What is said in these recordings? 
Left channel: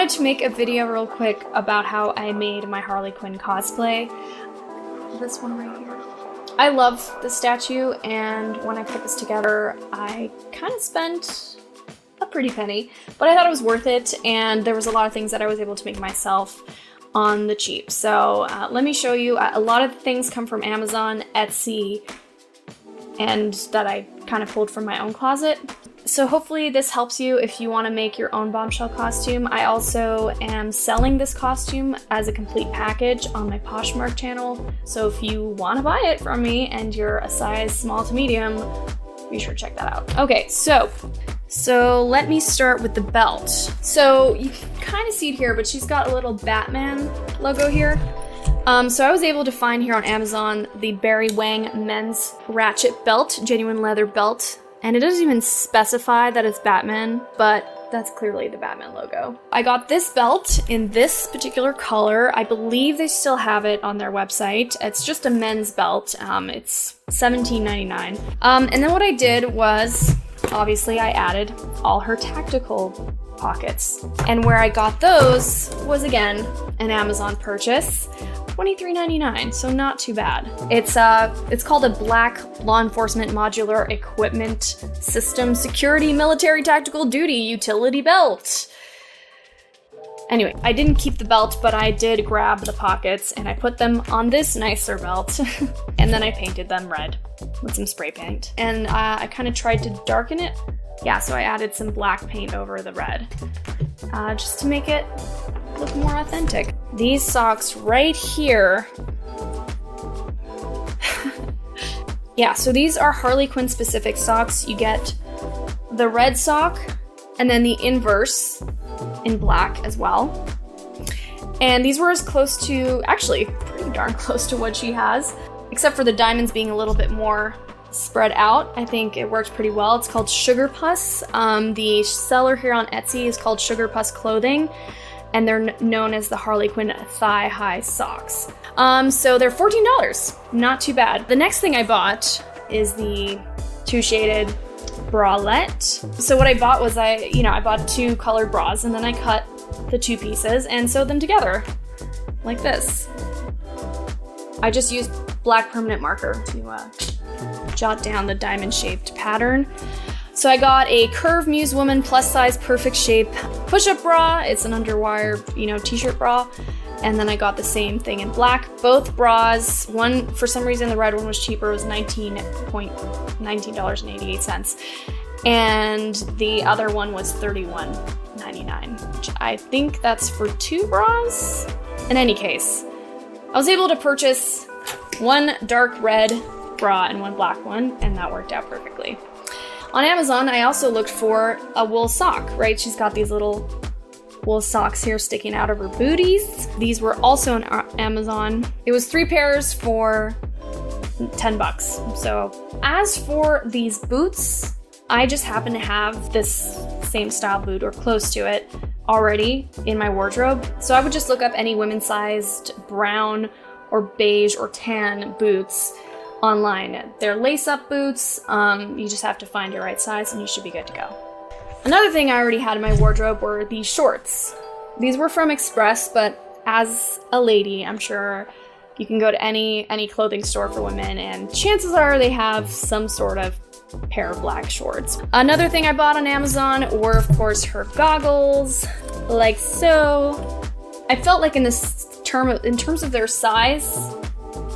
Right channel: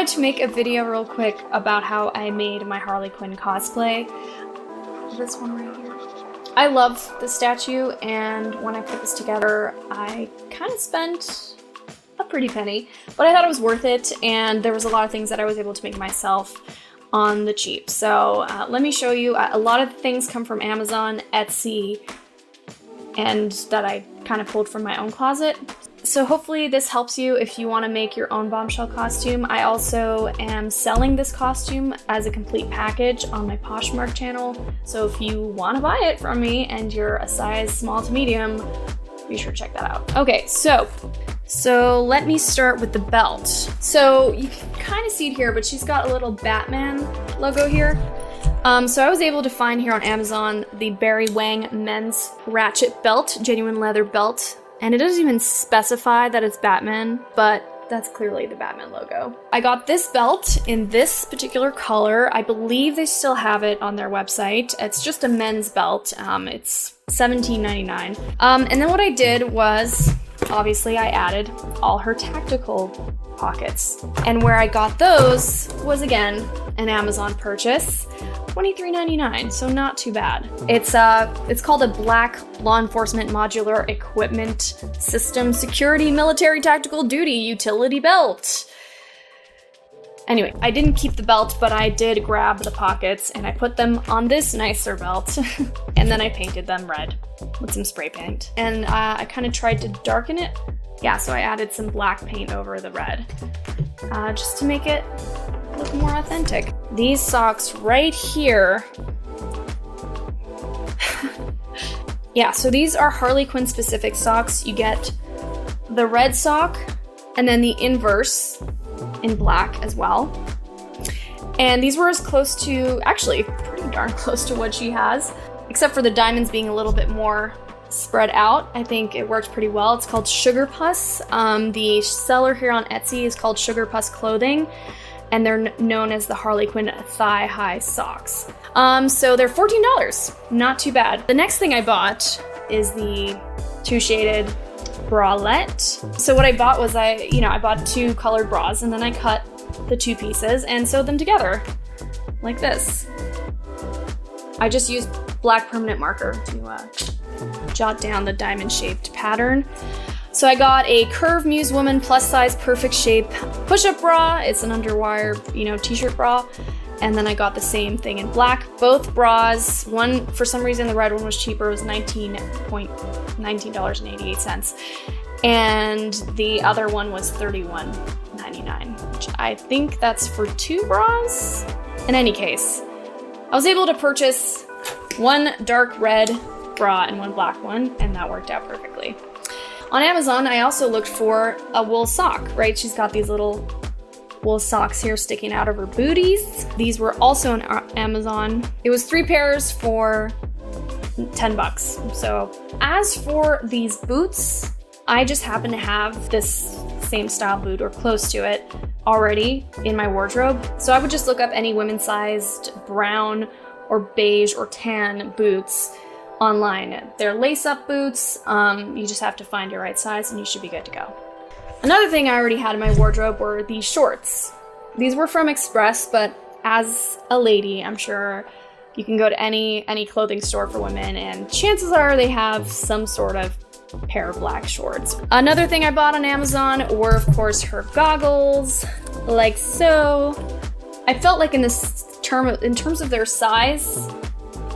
wanted to make a video real quick about how I made my Harley Quinn cosplay. This one right here. I love the statue, and when I put this together, I kind of spent a pretty penny, but I thought it was worth it, and there was a lot of things that I was able to make myself on the cheap. So let me show you. A lot of things come from Amazon, Etsy, and that I kind of pulled from my own closet. So hopefully this helps you if you want to make your own Bombshell costume. I also am selling this costume as a complete package on my Poshmark channel. So if you want to buy it from me and you're a size small to medium, be sure to check that out. Okay, so let me start with the belt. So you can kind of see it here, but she's got a little Batman logo here. So I was able to find here on Amazon the Barry Wang men's ratchet belt, genuine leather belt. And it doesn't even specify that it's Batman, but that's clearly the Batman logo. I got this belt in this particular color. I believe they still have it on their website. It's just a men's belt. It's $17.99. And then what I did was, obviously I added all her tactical pockets. And where I got those was, again, an Amazon purchase. $23.99, so not too bad. It's called a Black Law Enforcement Modular Equipment System Security Military Tactical Duty Utility Belt. Anyway, I didn't keep the belt, but I did grab the pockets and I put them on this nicer belt and then I painted them red with some spray paint. And I kind of tried to darken it. Yeah, so I added some black paint over the red just to make it look more authentic. These socks right here. Yeah, so these are Harley Quinn specific socks. You get the red sock and then the inverse in black as well. And these were as close to, actually pretty darn close to what she has, except for the diamonds being a little bit more spread out. I think it worked pretty well. It's called Sugar Puss. The seller here on Etsy is called Sugar Puss Clothing, and they're known as the Harley Quinn thigh high socks. So they're $14, not too bad. The next thing I bought is the two shaded bralette. So what I bought was I bought two colored bras and then I cut the two pieces and sewed them together like this. I just used black permanent marker to jot down the diamond shaped pattern. So I got a Curve Muse Woman plus size perfect shade push-up bra. It's an underwire, t-shirt bra. And then I got the same thing in black. Both bras, one, for some reason the red one was cheaper, it was $19.88. And the other one was $31.99, which I think that's for two bras. In any case, I was able to purchase one dark red bra and one black one, and that worked out perfectly. On Amazon, I also looked for a wool sock, right? She's got these little wool socks here sticking out of her booties. These were also on Amazon. It was 3 pairs for $10. So as for these boots, I just happen to have this same style boot or close to it already in my wardrobe. So I would just look up any women's sized brown or beige or tan boots online. They're lace-up boots. You just have to find your right size and you should be good to go. Another thing I already had in my wardrobe were these shorts. These were from Express, but as a lady, I'm sure you can go to any clothing store for women and chances are they have some sort of pair of black shorts. Another thing I bought on Amazon were, of course, her goggles, like so. I felt like in terms of their size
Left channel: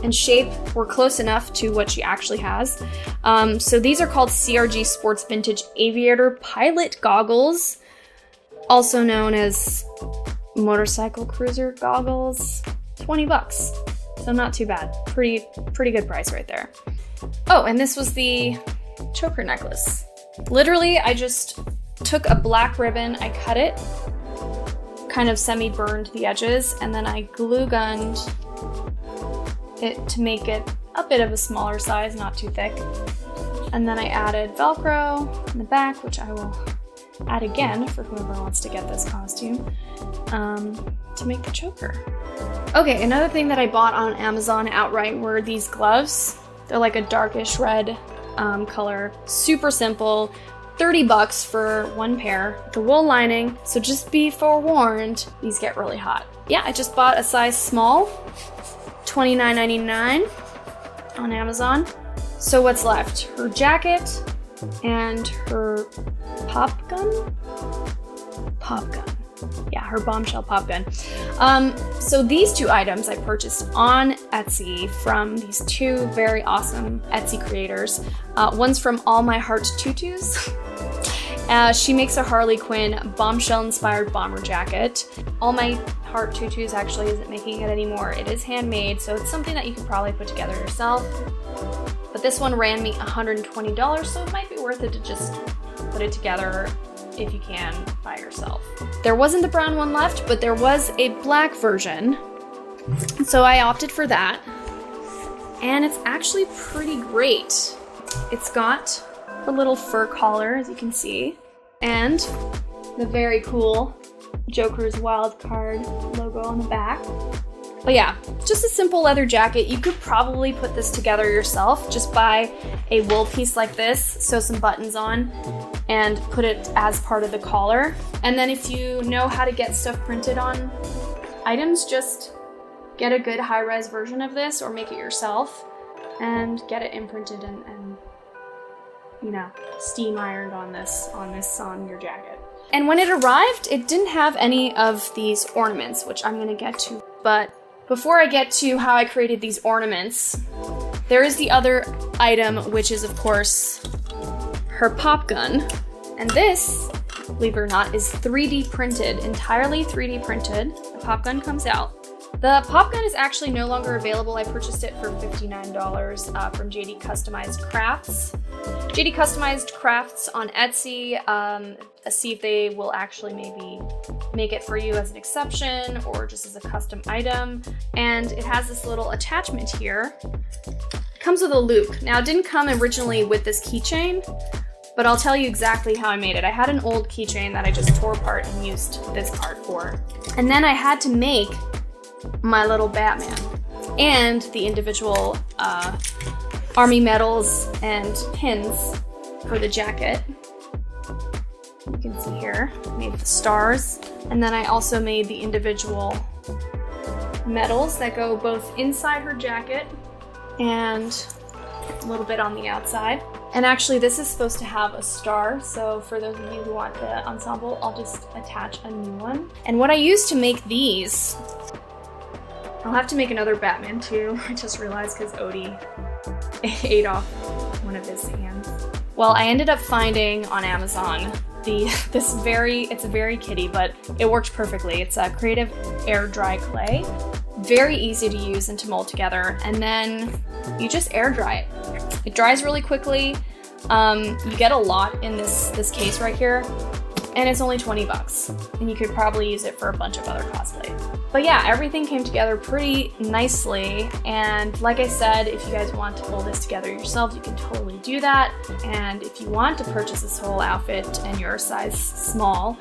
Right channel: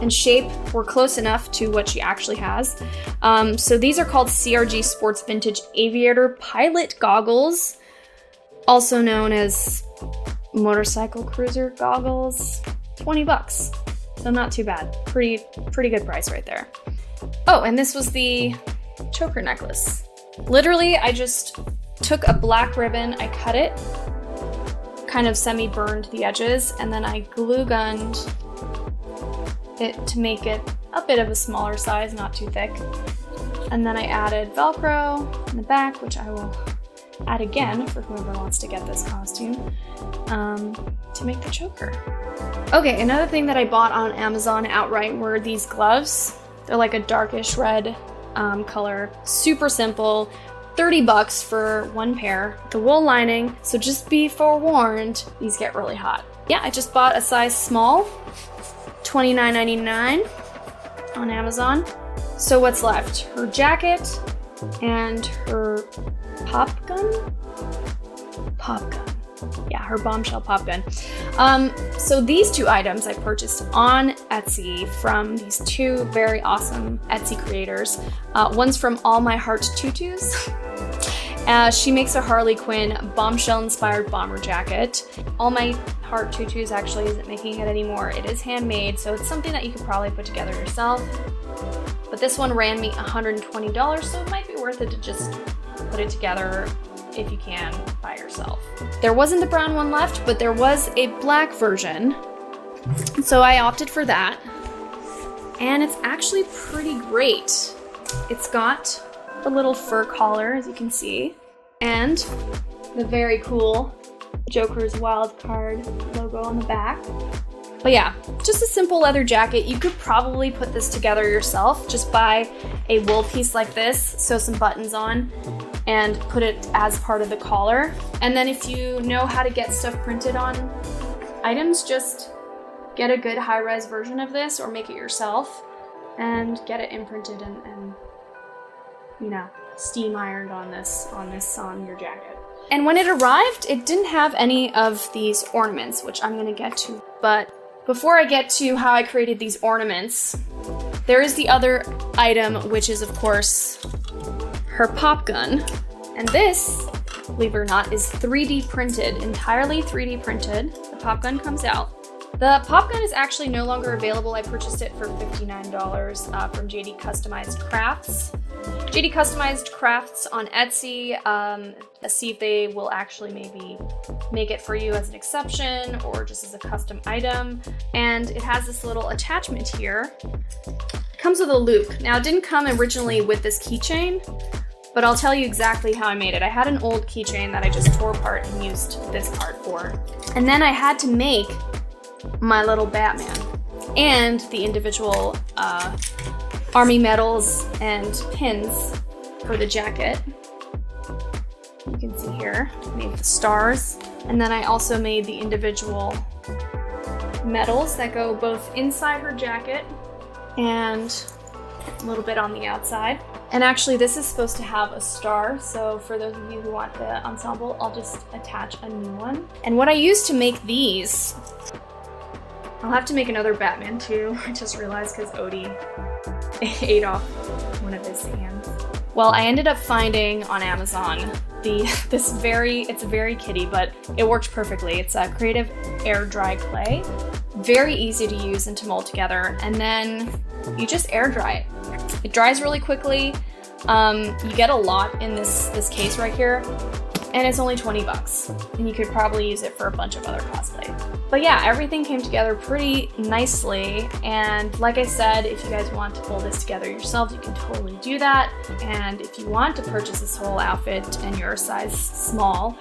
and shape, were close enough to what she actually has. So these are called CRG Sports Vintage Aviator Pilot Goggles, also known as motorcycle cruiser goggles. $20, so not too bad. Pretty good price right there. Oh, and this was the choker necklace. Literally, I just took a black ribbon, I cut it, kind of semi-burned the edges, and then I glue gunned it to make it a bit of a smaller size, not too thick. And then I added Velcro in the back, which I will add again for whoever wants to get this costume, to make the choker. Okay, another thing that I bought on Amazon outright were these gloves. They're like a darkish red color, super simple, $30 for one pair, the wool lining, so just be forewarned, these get really hot. Yeah, I just bought a size small, $29.99 on Amazon. So what's left? Her jacket and her pop gun? Pop gun. Yeah, her Bombshell pop gun. So these two items I purchased on Etsy from these two very awesome Etsy creators. One's from All My Heart Tutus. She makes a Harley Quinn Bombshell-inspired bomber jacket. All My Heart Tutus actually isn't making it anymore. It is handmade, so it's something that you could probably put together yourself. But this one ran me $120, so it might be worth it to just put it together if you can by yourself. There wasn't a brown one left, but there was a black version, so I opted for that. And it's actually pretty great. It's got a little fur collar, as you can see, and the very cool Joker's Wild Card logo on the back. But yeah, just a simple leather jacket. You could probably put this together yourself. Just buy a wool piece like this, sew some buttons on, and put it as part of the collar. And then if you know how to get stuff printed on items, just get a good high-res version of this or make it yourself and get it imprinted and you know, steam ironed on your jacket. And when it arrived, it didn't have any of these ornaments, which I'm gonna get to. But before I get to how I created these ornaments, there is the other item, which is of course her pop gun. And this, believe it or not, is 3D printed, entirely 3D printed. The pop gun comes out. The pop gun is actually no longer available. I purchased it for $59 from JD Customized Crafts. JD Customized Crafts on Etsy. See if they will actually maybe make it for you as an exception or just as a custom item. And it has this little attachment here. It comes with a loop. Now, it didn't come originally with this keychain, but I'll tell you exactly how I made it. I had an old keychain that I just tore apart and used this part for. And then I had to make my little Batman and the individual army medals and pins for the jacket. You can see here, I made the stars, and then I also made the individual medals that go both inside her jacket and a little bit on the outside. And actually this is supposed to have a star, so for those of you who want the ensemble, I'll just attach a new one. And what I used to make these, I'll have to make another Batman too, I just realized, because Odie ate off one of his hands. Well, I ended up finding on Amazon it's very kitty, but it works perfectly. It's a creative air dry clay. Very easy to use and to mold together, and then you just air dry it. It dries really quickly. You get a lot in this case right here, and it's only $20, and you could probably use it for a bunch of other cosplay. But yeah, everything came together pretty nicely, and like I said, if you guys want to pull this together yourself, you can totally do that. And if you want to purchase this whole outfit and you're a size small,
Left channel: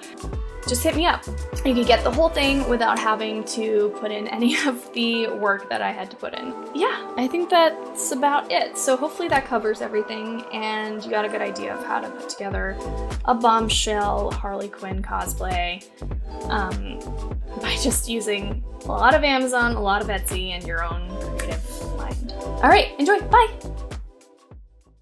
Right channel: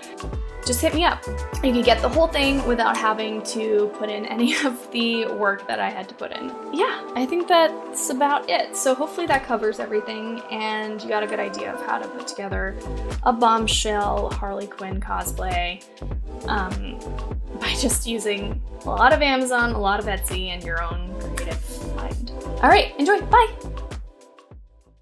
just hit me up. You can get the whole thing without having to put in any of the work that I had to put in. Yeah, I think that's about it. So hopefully that covers everything, and you got a good idea of how to put together a Bombshell Harley Quinn cosplay by just using a lot of Amazon, a lot of Etsy, and your own creative mind. All right, enjoy, bye!